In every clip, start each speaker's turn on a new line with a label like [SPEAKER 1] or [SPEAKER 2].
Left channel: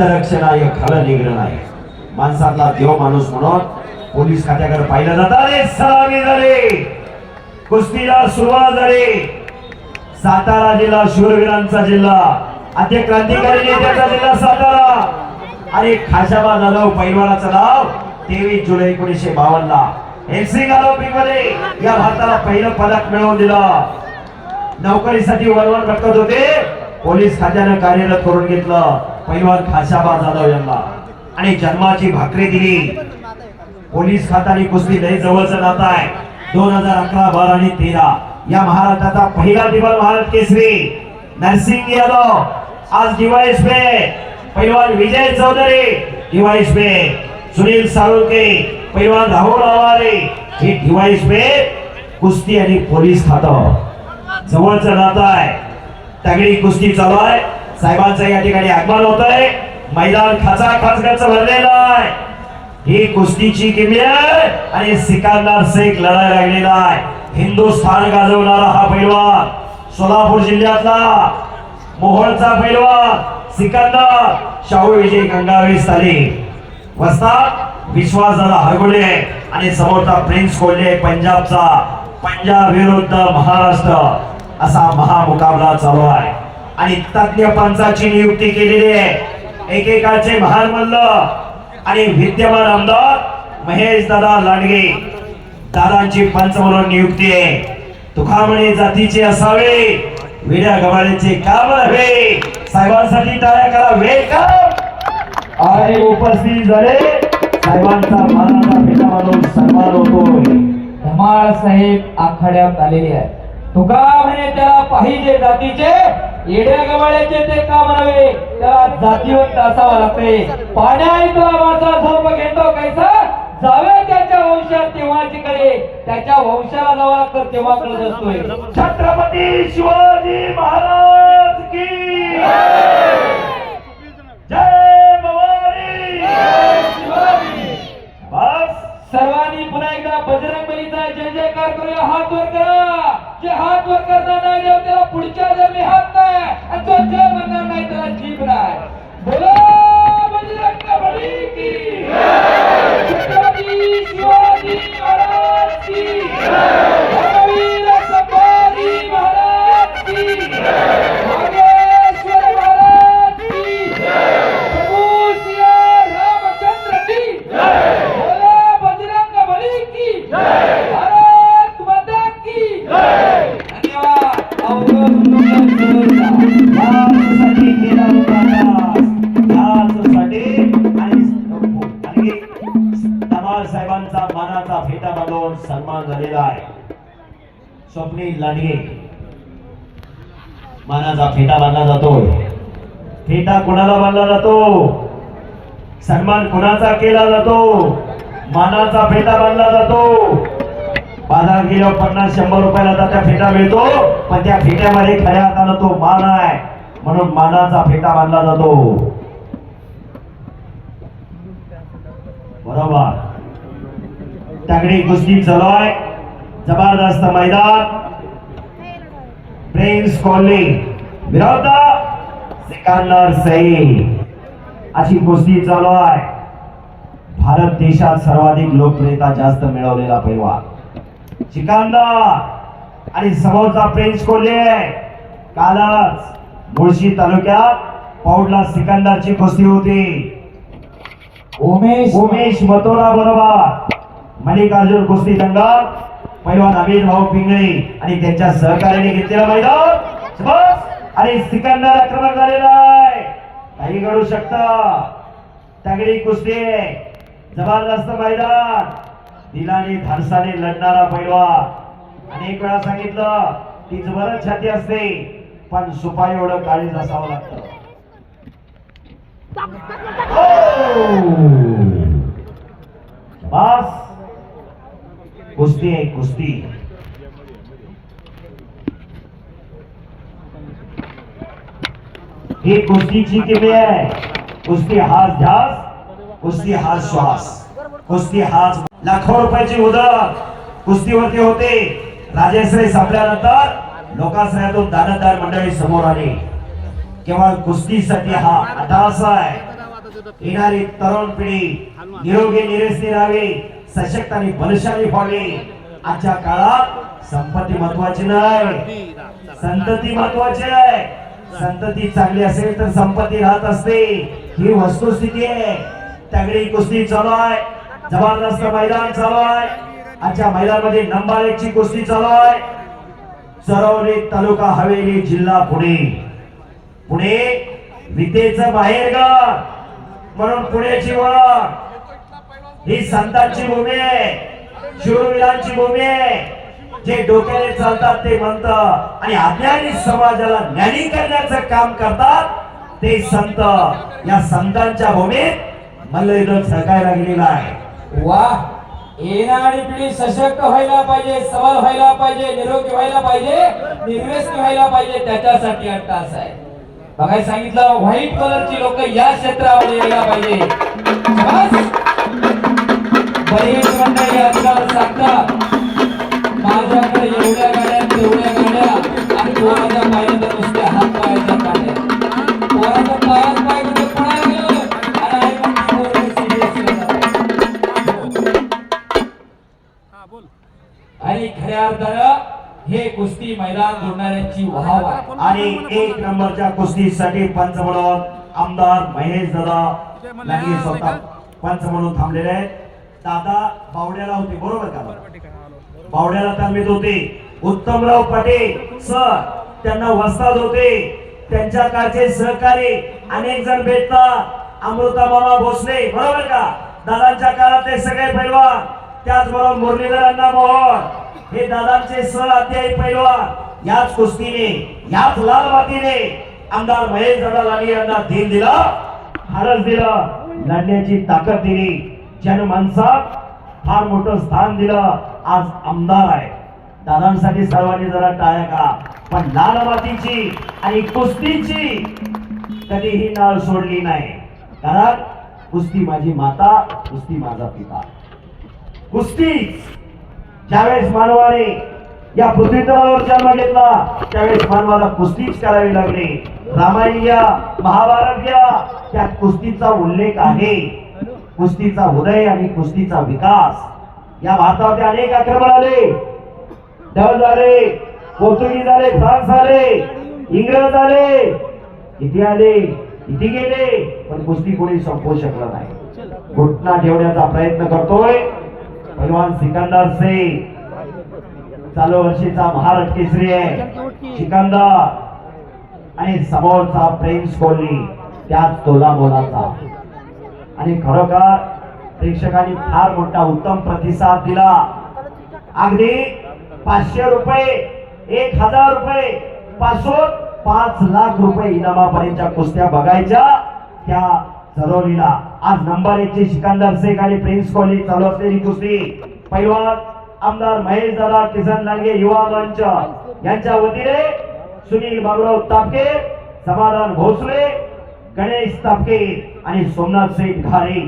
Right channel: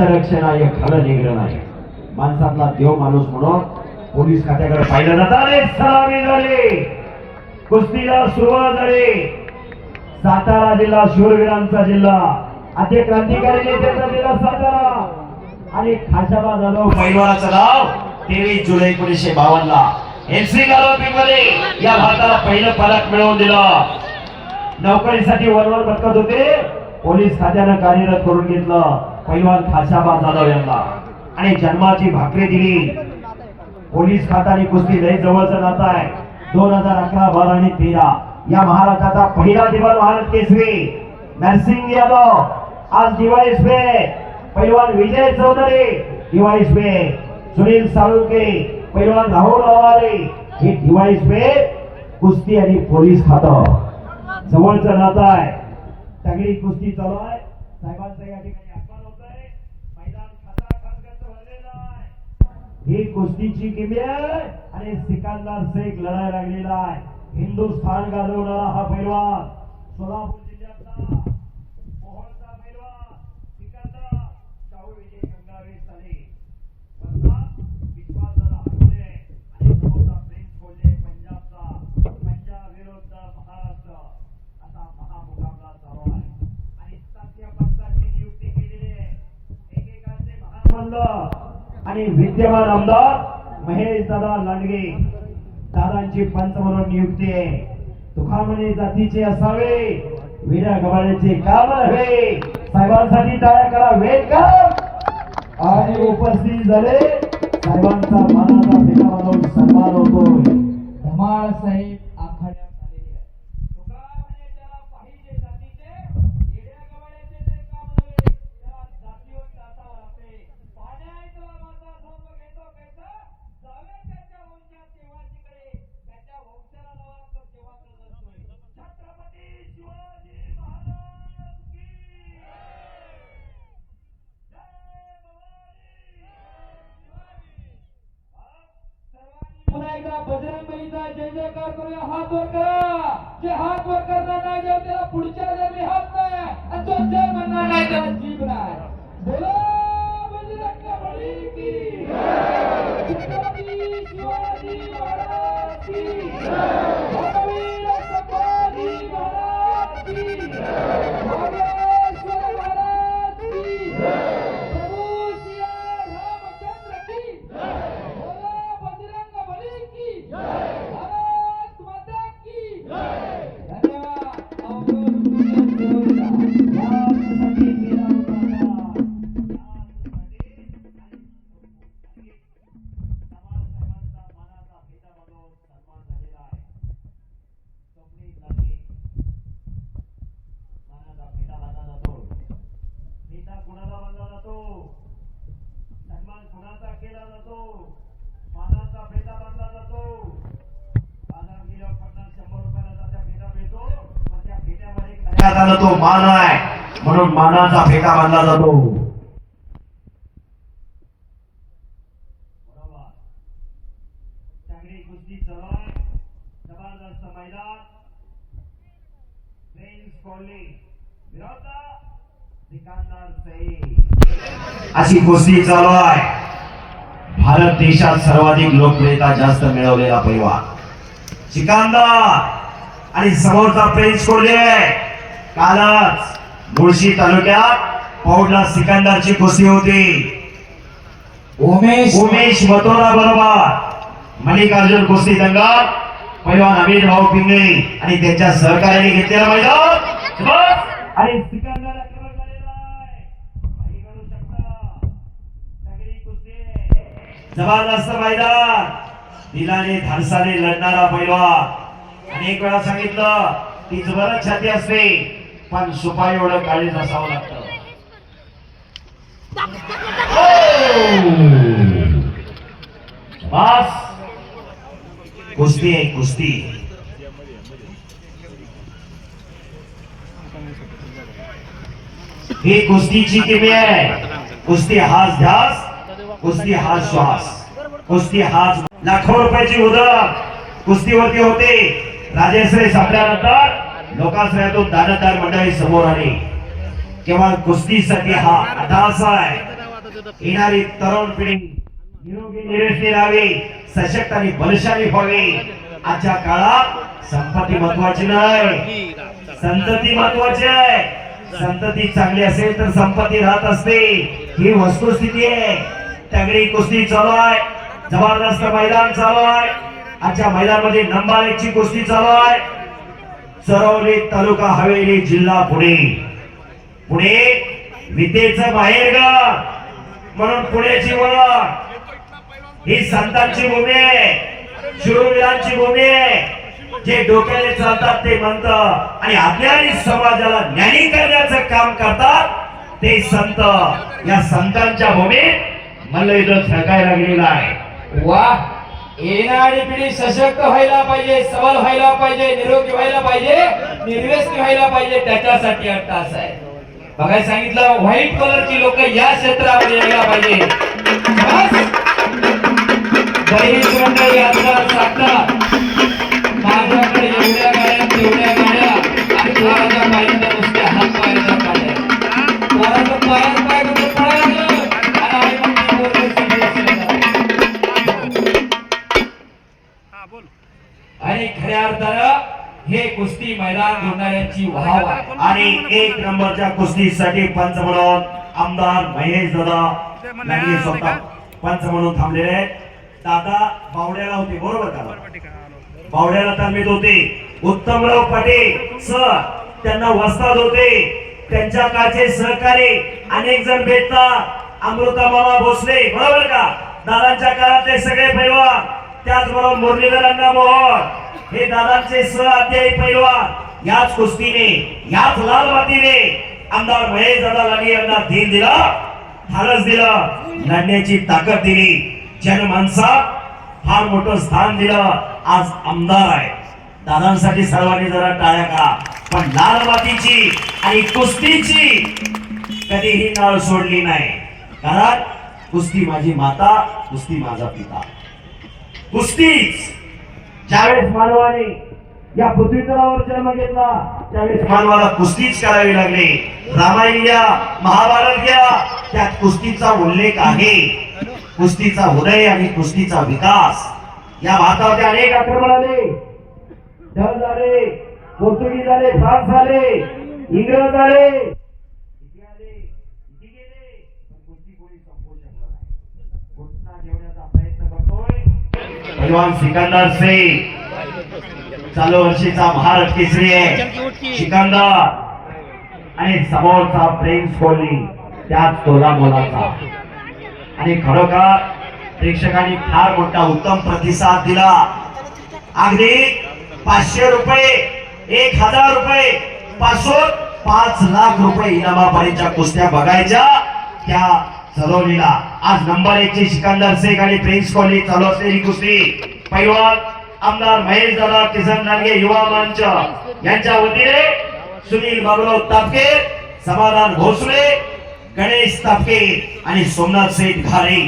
[SPEAKER 1] रक्षण आहे खरं निग्रह नाही. माणसातला देव माणूस म्हणून पोलीस खात्याकडे पाहिलं जात. अरे सलामी झाले. कुस्तीला सुरुवात झाली. सातारा जिल्हा शूरवीरांचा जिल्हा. आद्य क्रांतिकारी नेत्याचा जिल्हा सातारा. आणि खाशाबा जाधव पैलवानाचं नाव तेवीस जुलै एकोणीसशे बावन्न ला एमसी मध्ये या भारताला पहिलं पदक मिळवून दिलं. नोकरीसाठी वरवर भटकत होते. पोलीस खात्यानं कार्यरत करून घेतलं. पैलवान खाशाबा जाधव यांना. आणि जन्माची भाकरी दिली. पोलीस खाता आणि कुस्ती लई जवळचं नातं आहे. दोन हजार अकरा बारा आणि तेरा. या महाराष्ट्राचा पहिला दिवाळ महाराज केसरी. नरसिंग यादव. आज डिवाईस बे पैलवान विजय चौधरी. डिवाईस बे सुनील साळुंके. पैलवान राहुल अवारे हे डिवाईस बे कुस्ती आणि पोलीस खातं. जवळचं नातं आहे. तगडी कुस्ती चालू आहे. साहेबांचं या ठिकाणी आगमन होत आहे मैदान खाचा खाचगच भरलेलं आहे. ही कुस्तीची किंमत आणि सिकंदर शेख लढाई लागलेला आहे. हिंदुस्थान गाजवणारा हा पैलवान सोलापूर जिल्ह्यातला मोहोळचा पैलवान सिकंदर शाहू विजय गंगावे साली. विश्वास झाला हरगुले आणि समोरचा प्रिन्स कोल्हे पंजाबचा पंजाब विरुद्ध महाराष्ट्र असा महामुकाबला चालू आहे. आणि तज्ञ पंचाची नियुक्ती केलेली आहे. एकेकाचे महान मल्ल आणि विद्यमान आमदार महेश दादा लांडगे. दादांची पंच म्हणून नियुक्ती आहे. तुखामणे जातीचे असावे विड्या गवाळ्याचे काम नव्हे. साहेबांसाठी टाळ्या करा वेलकम आणि उपस्थित झाले साहेबांचा मानाचा भेटा म्हणून सन्मान होतोय. धमाळ साहेब आखाड्यात आलेले आहे तुका म्हणे त्याला पाहिजे जातीचे. येड्या गवाळ्याचे ते का म्हणावे त्याला जातीवंत असावा लागते. पाण्या माझा झोप घेतो कैसा? जावे त्याच्या वंशात तेव्हाची कडे त्याच्या वंशाला जावा लागतं तेव्हा कळत असतोय छत्रपती शिवाजी महाराज की स्वप्नील लाडगे. मानाचा फेटा बांधला जातो. फेटा कोणाला बांधला जातो? सन्मान कोणाचा केला जातो? मानाचा फेटा बांधला जातो. बाजार गेल्यावर पन्नास शंभर रुपयाला आता त्या फेटा मिळतो. पण त्या फेट्यामध्ये खऱ्या अर्थानं तो मान आहे. म्हणून मानाचा फेटा बांधला जातो. बरोबर. तगडी कुस्ती चालू आहे. जबरदस्त मैदान. प्रिन्स कॉलनी विरोध सिकंदर सईद अशी कुस्ती चालू आहे भारत देशात सर्वाधिक लोकप्रियता जास्त मिळवलेला पैलवान सिकंदर आणि समोरचा प्रिन्स कोल्हे कालच मुळशी तालुक्यात पौडला सिकंदरची कुस्ती होती. उमेश उमेश मथुरा बरोबर. मल्लिकार्जुन कुस्ती दंगल पहिलवान अमित भाऊ पिंगळे आणि त्यांच्या सहकार्याने घेतलेला मैदान. आणि सिकंदर आक्रमण झालेला आहे. काही घडू शकत. तगडी कुस्ती जबरदस्त मैदान. दिलाने धाडसाने लढणारा पैलवान अनेक वेळा सांगितलं की जबर छाती असते पण सुपारी एवढं काळी असावं लागतं. हो! बस कुस्ती आहे कुस्ती ही कुस्तीची किमी आहे. कुस्ती हाच ध्यास कुस्ती हाच श्वास. कुस्ती हाच लाखो रुपयाची उदक कुस्तीवरती होते. राजेश्री संपल्यानंतर लोकाश्रयातून दानदार मंडळी समोर आली. केवळ कुस्तीसाठी हा अठास आहे. येणारी तरुण पिढी निरोगी निरेसनी राहावी. सशक्त आणि बलशाली व्हावी. आजच्या काळात संपत्ती महत्वाची नाही. संतती महत्वाची आहे. संतती चांगली असेल तर संपत्ती राहत असते. ही वस्तुस्थिती आहे. तगडी कुस्ती चालू आहे. जबरदस्त मैदान चालू आहे. आजच्या मैदानमध्ये नंबर एक ची कुस्ती चालू आहे. चरवली तालुका हवेली जिल्हा पुणे. पुणे वितेचं बाहेरगाव. म्हणून पुण्याची ओळख. ही संतांची भूमी आहे. शूरवीरांची भूमी आहे. जे डोक्याने चालतात ते म्हणत आणि अज्ञानी समाजाला ज्ञानी करण्याचं काम करतात ते संत. या संतांच्या भूमीत मल्लयुद्ध झळकायला गेलेला आहे. वा येणारी पिढी सशक्त व्हायला पाहिजे सबल व्हायला पाहिजे निरोगी व्हायला पाहिजे निर्व्यसनी व्हायला पाहिजे त्याच्यासाठी आता आहे. बघायला सांगितलं व्हाईट कलरची लोक या क्षेत्रामध्ये यायला पाहिजे. बस. बहिण मंडळी आजकाल सांगतात माझ्याकडे एवढ्या गाड्या तेवढ्या गाड्या आणि पोराच्या पायाच्या नुसत्या हात पायाच्या गाड्या पोराचं पायात पाय कुठे पळायला लागलं आणि आई म्हणते पोरगं serious आहे. आणि खऱ्या अर्थानं हे कुस्ती मैदान जोडणाऱ्यांची वाहवा. आणि एक नंबरच्या कुस्तीसाठी पंच म्हणून आमदार महेश दादा यांनी स्वतः पंच म्हणून थांबलेले आहेत. दादा बावड्याला होते बरोबर का? बावड्याला तालमीत होते. उत्तमराव पाटील सर त्यांना वस्ताद होते. त्यांच्या काळचे सहकारी अनेक जण भेटतात अमृता मामा भोसले बरोबर का? दादांच्या काळातले सगळे पैलवान त्याचबरोबर मुरलीधरांना मोहन हे दादांचे सह अध्यायी पैलवान याच कुस्तीने याच लाल मातीने आमदार महेश दादा लाडी यांना धीर दिला धाडस दिलं लढण्याची ताकद दिली. ज्याने माणसा फार मोठं स्थान दिलं आज आमदार आहे. दादांसाठी सर्वांनी जरा टाळ्या करा. पण लालबातीची आणि कुस्तीची कधीही नाळ सोडली नाही. कारण कुस्ती माझी माता कुस्ती माझा पिता. कुस्तीच ज्यावेळेस मानवाने या पृथ्वीतलावर जन्म घेतला त्यावेळेस मानवाला कुस्तीच करावी लागली. रामायण घ्या महाभारत घ्या त्यात कुस्तीचा उल्लेख आहे. कुस्तीचा उदय आणि कुस्तीचा विकास. या भारतामध्ये अनेक आक्रमण आले. डल आले पोर्तुगीज आले फ्रान्स आले इंग्रज आले किती आले किती गेले पण कुस्ती कोणी संपवू शकलं नाही. घुटना ठेवण्याचा प्रयत्न करतोय. भगवान सिकंदर सिंग. चालू वर्षीचा भारत केसरी आहे. सिकंदर आणि समोरचा प्रेम कोहली त्याच तोला मोलाचा आणि खरोखर प्रेक्षकांनी फार मोठा उत्तम प्रतिसाद दिला. अगदी पाचशे रुपये एक हजार रुपये पासून पाच लाख रुपये इनामापर्यंतच्या कुस्त्या बघायच्या त्या चलवलेला आज नंबर एक ची सिकंदर शेख आणि प्रिन्स कोहली चालू असलेली कुस्ती. पैलवान आमदार महेश दादा किसन नालगे युवा मंच. यांच्या वतीने सुनील बाबुराव तापके समाधान भोसले गणेश तापके आणि सोमनाथ सेठ घारे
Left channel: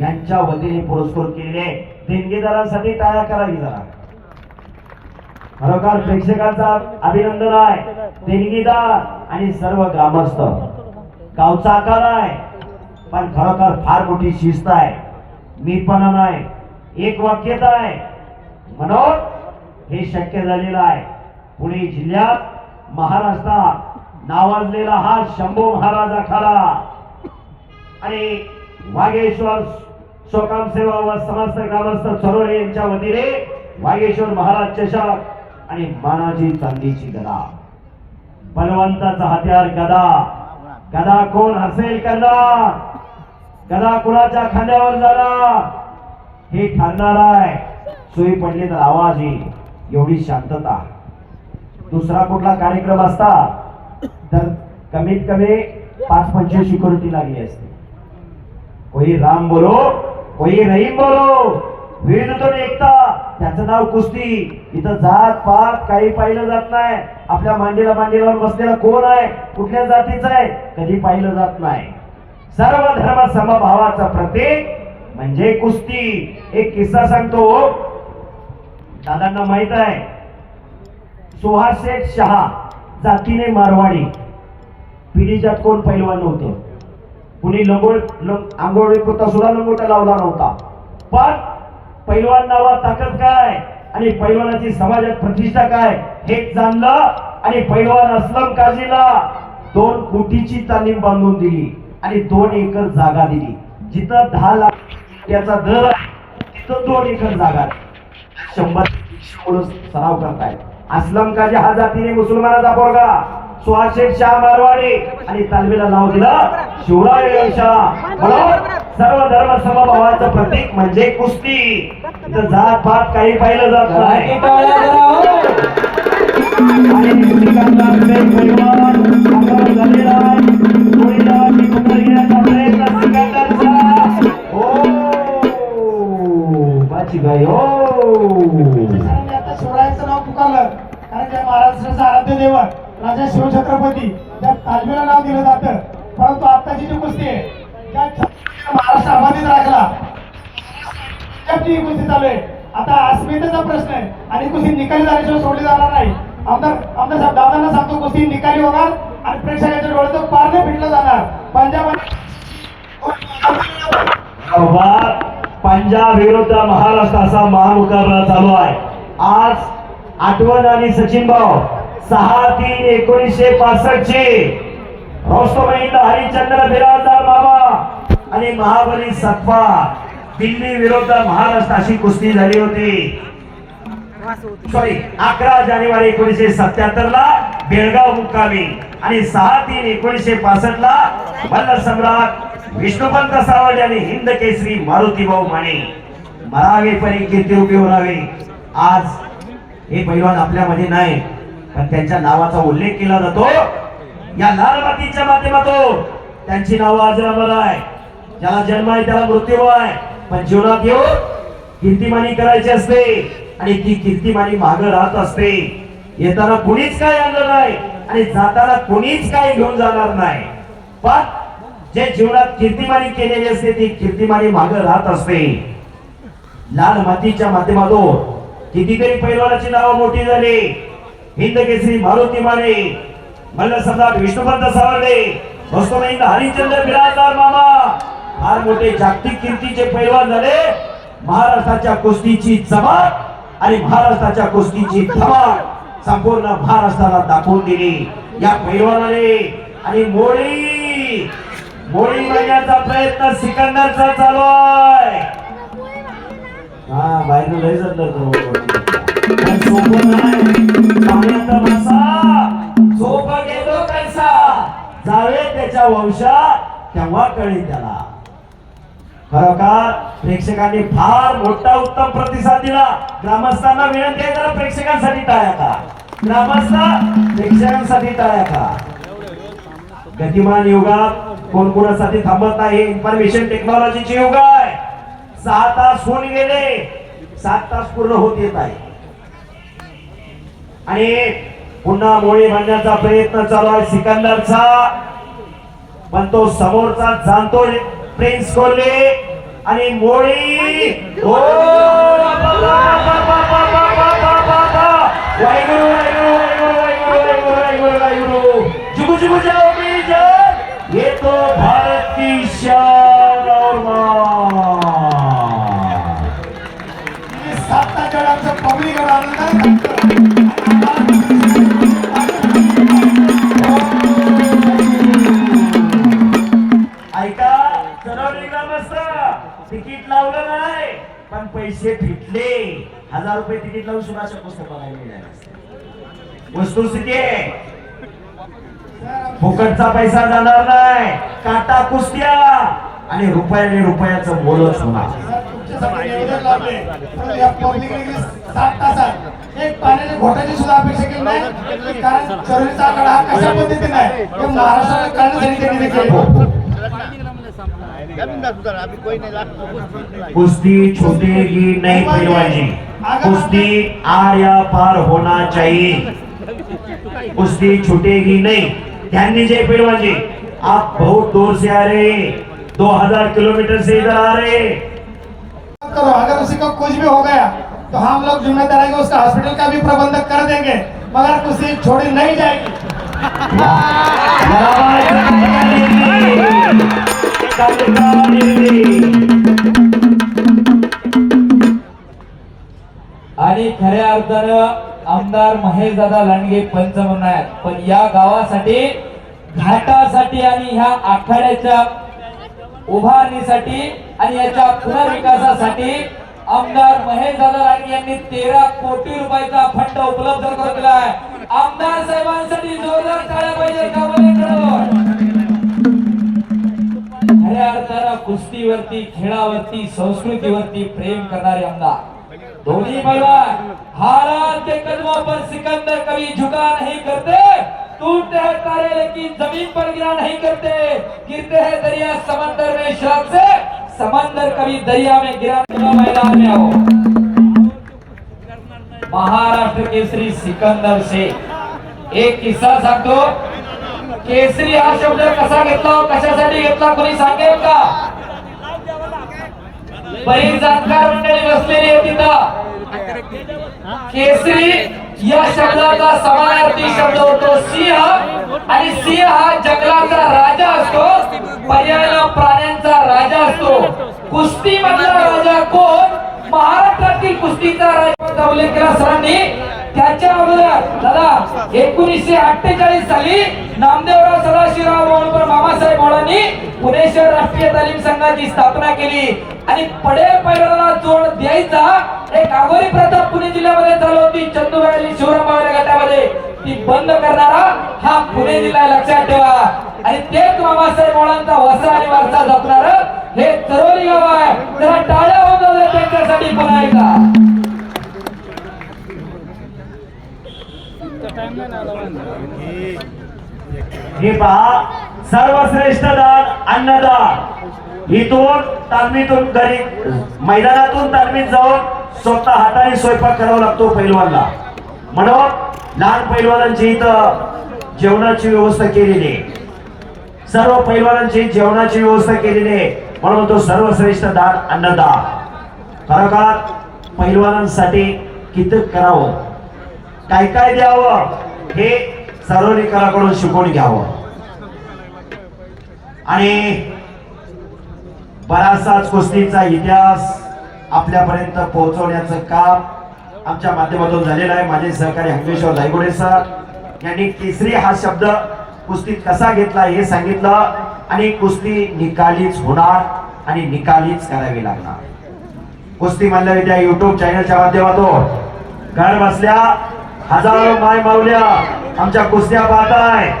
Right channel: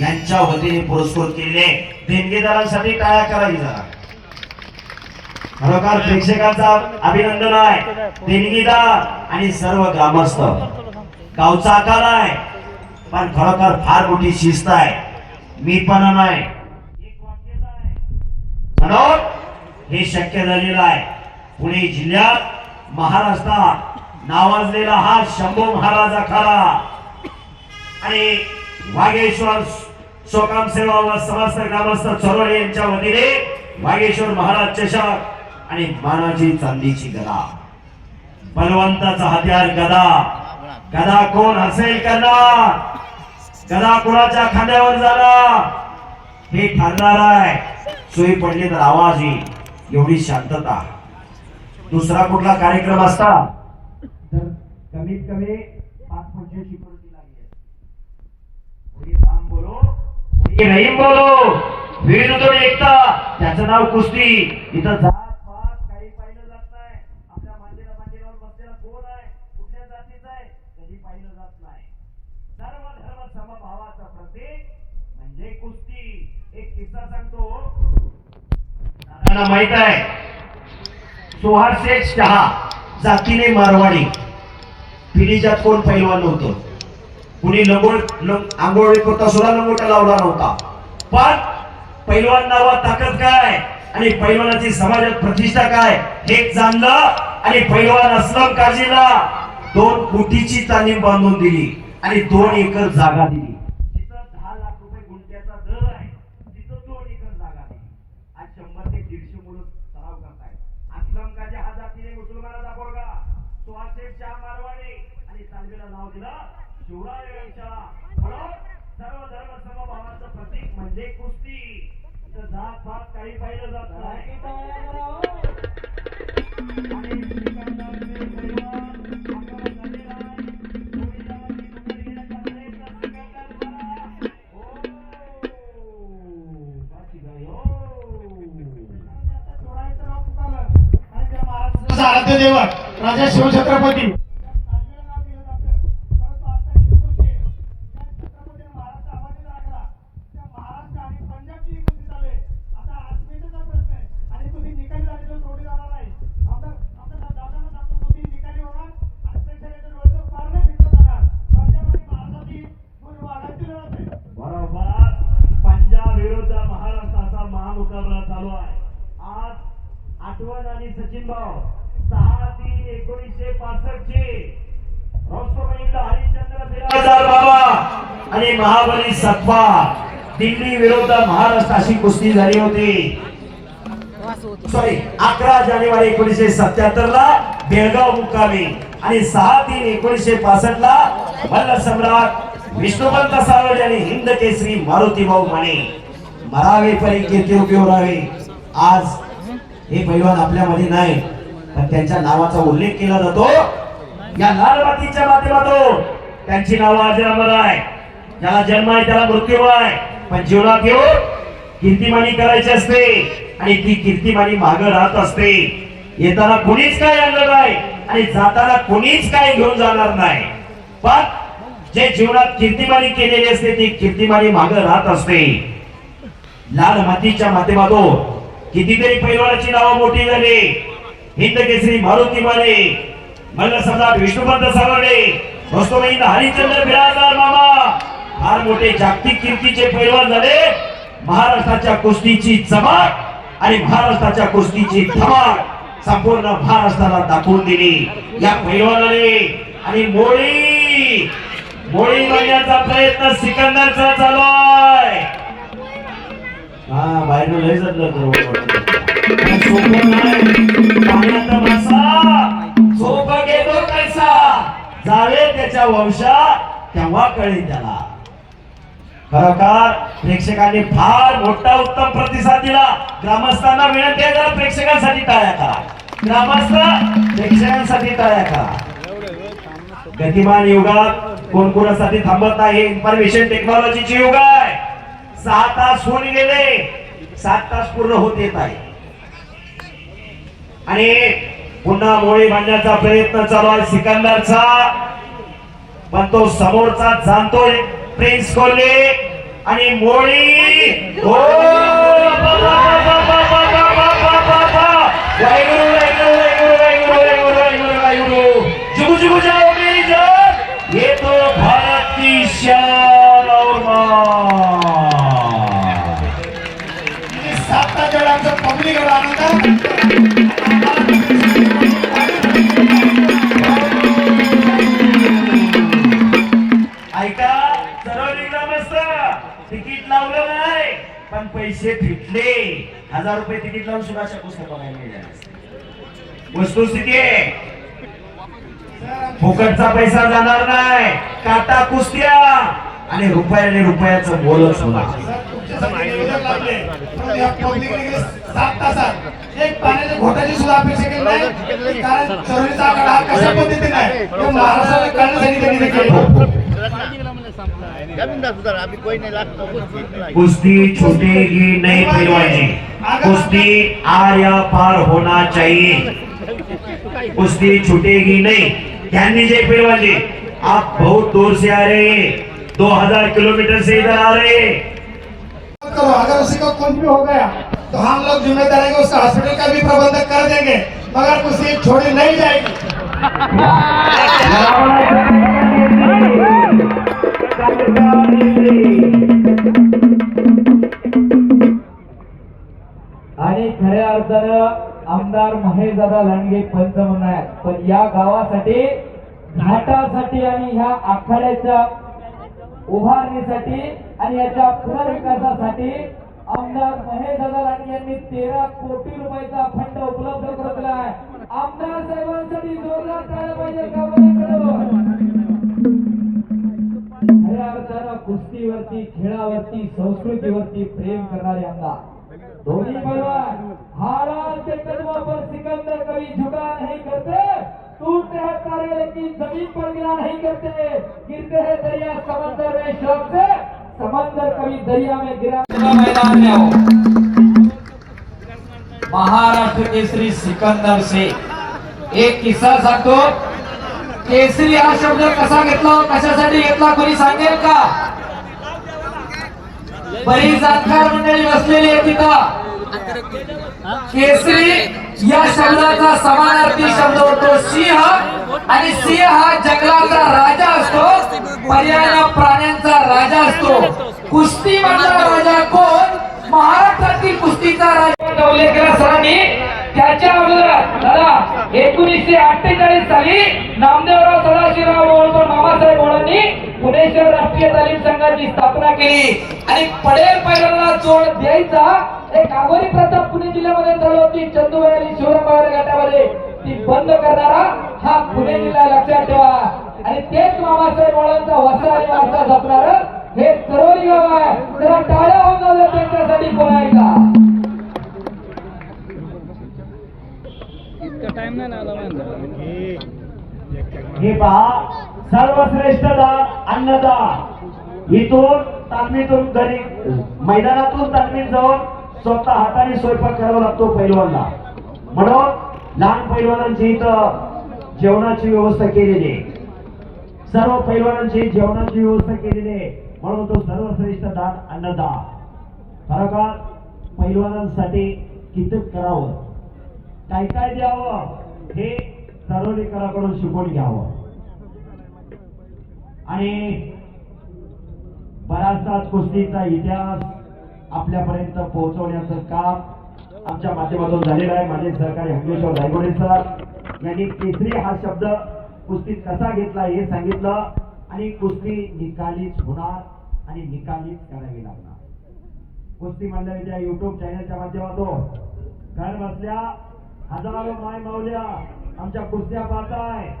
[SPEAKER 1] यांच्या वतीने पुरस्कृत केलेले देणगीदारांसाठी टाळ्या करावी जरा. खरोखर प्रेक्षकांचा अभिनंदन आहे. देणगीदार आणि सर्व ग्रामस्थ. गावचा आकार आहे पण खरोखर फार मोठी शिस्त आहे. मीपणा नाही. एक वाक्यता आहे. म्हणून हे शक्य झालेलं आहे. पुणे जिल्ह्यात महाराष्ट्रात नावाजलेला हा शंभू महाराज खरा. आणि वागेश्वर शोकाम सेवा व समस्त ग्रामस्थ चरोळे यांच्या वतीने वागेश्वर महाराज चषक आणि मानाची चांदीची गदा. बलवंताचा हत्यार गदा. गदा कोण? असेल करणार गदा कोणाच्या खांद्यावर जाणार हे ठरणार आहे. सोयी पडली तर आवाज येईल. एवढी शांतता. दुसरा कुठला कार्यक्रम असता? कमीत कमी पाच पंचवीस सिक्युरिटी लागली असते. कोई राम बोलो कोई रहीम बोलो. विरुद्ध एकता त्याचं नाव कुस्ती. इथं जात पात काही पाहिलं जात नाही. आपल्या मांडीला मांडीवर बसलेला कोण आहे? कुठल्या जातीचा आहे? कधी पाहिलं जात नाही. सर्व धर्म समभावाचं प्रतीक म्हणजे कुस्ती. एक किस्सा सांगतो. दादांना माहीत आहे. सुहास शेख शहा जातीने मारवाडी. पिढीच्यात कोण पहिलवान नव्हतं? कुणी लंगोळ आंघोळ करता सुद्धा लंगोटा लावला नव्हता. पण पहिलवान नावात ताकद काय? आणि पैलवानाची समाजात प्रतिष्ठा काय? हे जाणलं आणि पैलवान असलम काजीला दोन कोटीची तालीम बांधून दिली आणि दोन एकर जागा दिली. जिथं दहा लाख रुपयाचा दर आहे, तिथं दोन एकर जागा शंभर मुलं सराव करतायत. असलम काजी हा जातीने मुसलमानाचा पोरगा. सुहाशेख शाह मारवाडी आणि तालमीला नाव दिलं शिवराय म्हणून सर्व धर्म समभावाचं प्रतीक म्हणजे कुस्ती. इथं जात पात काही पाहिलं जात नाही. हो. शिवरायांचं नाव पुकारलं. कारण त्या महाराष्ट्राचं आराध्य दैवत राजा शिवछत्रपती त्या तालमीला नाव दिलं जातं परंतु आताची जी कुस्ती आहे त्या महाराष्ट्र अबाधित राखला पंजाबची ही कुस्ती चालू आहे. आता अस्मितेचा प्रश्न आहे आणि कुस्ती निकाली झाल्याशिवाय सोडली जाणार नाही. आमदार आमदार साहेब दादांना सांगतो कुस्ती निकाली होणार आणि प्रेक्षकांच्या डोळ्याचं पारणे फिटलं जाणार. पंजाब पंजाब विरुद्ध महाराष्ट्र असा महामुकाबला चालू आहे. आज आठवण आणि सचिन भाऊ सहा तीन एकोणीसशे पासष्ट चे रोस्तमहिंद हरिश्चंद्र बिराजदार बाबा आणि महाबली सत्पा दिल्ली विरुद्ध महाराष्ट्र अशी कुस्ती झाली होती. सॉरी अकरा जानेवारी एकोणीसशे सत्याहत्तर ला बेळगाव मुक्कामी आणि सहा तीन एकोणीसशे पासष्ट ला मल्ल सम्राट विष्णुपंत सावळे आणि हिंद केसरी मारुती भाऊ माने. मरावे परी किती रुपये उरावे. आज हे पैलवान आपल्यामध्ये नाही तर त्यांच्या नावाचा उल्लेख केला जातो. या लाल मातीच्या माध्यमातून त्यांची नावं आज अमर आहे. ज्याला जन्म आहे त्याला मृत्यू आहे. पण जीवनात येऊन हो, कीर्तिमानी करायची असते आणि ती कीर्तिमानी माग राहत असते. येताना कोणीच काय आणलं नाही आणि जाताना कोणीच काय घेऊन जाणार नाही. पण जे जीवनात कीर्तिमानी केलेली असते ती कीर्तिमानी माग राहत असते. लाल मातीच्या माध्यमातून कितीतरी पैलवानाची नावं मोठी झाली. हिंद केसरी मारुती माने मल्ल सम्राट विष्णुपंत सावळे दोस्तोमहिंद हरिश्चंद्र बिराजदार मामा फार मोठे जागतिक कीर्तीचे पैलवान झाले महाराष्ट्राच्या कुस्तीची चमक आणि महाराष्ट्राच्या कुस्तीची धमक संपूर्ण महाराष्ट्राला दाखवून दिली या पैलवानाने आणि मोळी मोळी महिन्याचा प्रयत्न सिकंदरचा चालू आहे हा बाहेर लय जडलं पण पाण्याचा कैसा? त्याच्या वंशा तेव्हा कळेल त्याला. खरोखर प्रेक्षकांनी फार मोठा उत्तम प्रतिसाद दिला. ग्रामस्थांना विनंती आहे जरा प्रेक्षकांसाठी टाळ्या करा. ग्रामस्थ प्रेक्षकांसाठी टाळ्या करा. गतिमान युगात कोण कोणासाठी थांबत नाही? इन्फॉर्मेशन टेक्नॉलॉजीचे युग आहे. सहा तास होऊन गेले सात तास पूर्ण होत येत आहे आणि पुन्हा मोळी बांधण्याचा प्रयत्न चालू आहे सिकंदरचा पण तो समोरचा जाणतो प्रिन्स कोहली आणि मोळी हो बाबा, बाबा, जाओ भारत की शान और मान सात पब्लिक ऐका का मस्त? तिकीट लावलं नाही पण पैसे फिटले हजार रुपये तिकीट लावून सुभाषा पुस्तक बघायला वस्तुस्थिती आहे. फुकटचा पैसा जाणार नाही. काटा कुस्त्या. आणि रुपयाने रुपयाचं बोलच होणार. कारण चोरीचा आकडा हा. नहीं पहलवानी कुश्ती आर या पार होना चाहिए। कुश्ती छूटेगी नहीं। ध्यान दीजिए पहलवानी आप बहुत दूर से आ रहे हैं। दो हज़ार किलोमीटर से इधर आ रहे हैं। करो। अगर उसी को कुछ भी हो गया तो हम लोग जिम्मेदार है उसका हॉस्पिटल का भी प्रबंध कर देंगे। मगर उसी छोड़ी नहीं जाएगी। आणि खऱ्या अर्थानं आमदार महेश दादा लांडगे पंच म्हणणार पण या गावासाठी घाटासाठी आणि ह्या आखाड्याच्या उभारणीसाठी आणि याच्या पुनर्विकासासाठी आमदार महेश दादा राणे यांनी तेरा कोटी रुपयाचा फंड उपलब्ध करून दिला आहे. आमदार साहेबांसाठी जोरदार टाळ्या पाहिजे खऱ्या अर्थानं कुस्तीवरती खेळावरती संस्कृतीवरती प्रेम करणारे आमदार. धोनी पैलवान. हालात के कदमों पर सिकंदर कभी झुका नहीं करते. टूटते हैं तारे, लेकिन ज़मीन पर गिरा नहीं करते। गिरते हैं दरिया, समंदर में शौक से। समंदर कभी दरिया में गिरा मैदान में हो महाराष्ट्र केसरी सिकंदर से। एक किस्सा सांगतो। केसरी हा शब्द कसा घेतला कशासाठी घेतला, कोणी सांगेल का? बरीच जाणकार मंडळी बसलेली आहे तिथं केसरी या शब्दाचा समानार्थी शब्द होतो सिंह. आणि सिंह हा जंगलाचा राजा असतो. पर्याय प्राण्यांचा राजा असतो. कुस्ती मधला राजा कोण? महाराष्ट्रातील कुस्तीचा राजा उल्लेख सरांनी त्याच्या अगोदर दादा एकोणीसशे अठ्ठेचाळीस साली नामदेवराव सदाशिवराव होळकर मामासाहेब होळांनी पुणे शहर राष्ट्रीय तालीम संघाची स्थापना केली. आणि पडेल पैलवानाला जोड द्यायचा एक आगोरी प्रथा पुणे जिल्ह्यामध्ये चालू होती. चंदुबाई आणि शिवरामबाई गटामध्ये. ती बंद करणारा हा पुणे जिल्हा लक्षात ठेवा. आणि तेच मामासाहेब मोळांचा वसा आणि वारसा जपणार हे चरोली गाव आहे. त्याला टाळ्या होऊन त्यांच्यासाठी पुन्हा एकदा. हे पहा सर्वश्रेष्ठ दान अन्नदान. इथून तालमीतून घरी मैदानातून तालमीत जाऊन स्वतः हाताने स्वयंपाक करावा लागतो पैलवानला. म्हणून लहान पैलवानांची इथं जेवणाची व्यवस्था केलेली आहे. सर्व पैलवानांची जेवणाची व्यवस्था केलेली आहे. म्हणून तो सर्वश्रेष्ठ दान अन्नदान. खरोखर पैलवानांसाठी किती करावं? काय काय द्यावं? हे सार्वजनिकांकडून शिकवून घ्यावं. आणि बराचसाच कुस्तीचा इतिहास आपल्यापर्यंत पोहोचवण्याचं काम आमच्या माध्यमातून झालेलं आहे. माझे सहकारी हंगेश्वर दायगुडे सर यांनी तिसरी हा शब्द कुस्तीत कसा घेतला हे सांगितलं आणि कुस्ती निकालीच होणार आणि निकालीच करावी लागणार. कुस्ती मल्लविद्या युट्यूब चॅनलच्या माध्यमातून. घर बसल्या हजारो माय मावल्या आमच्या कुस्त्या पाहताय.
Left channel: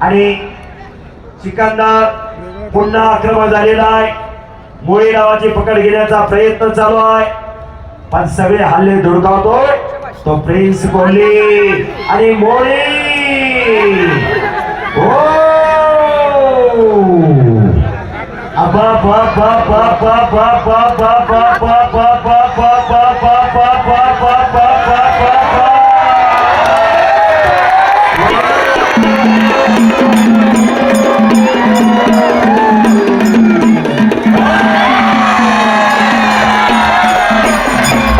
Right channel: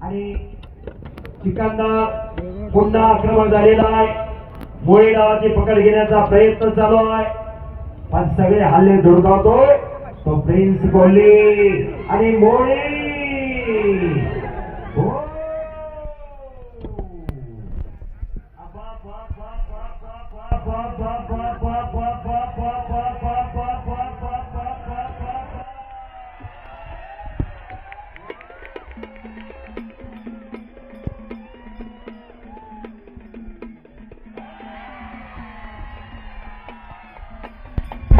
[SPEAKER 1] आणि सिकंदर पुन्हा आक्रमण झालेला आहे. मुळी नावाची पकड घेण्याचा प्रयत्न चालू आहे. पण सगळे हल्ले धुडकावतोय तो प्रिन्स कोहली आणि मोळी हो! अबा बा बा बा बा बा बा बा बा बा बा.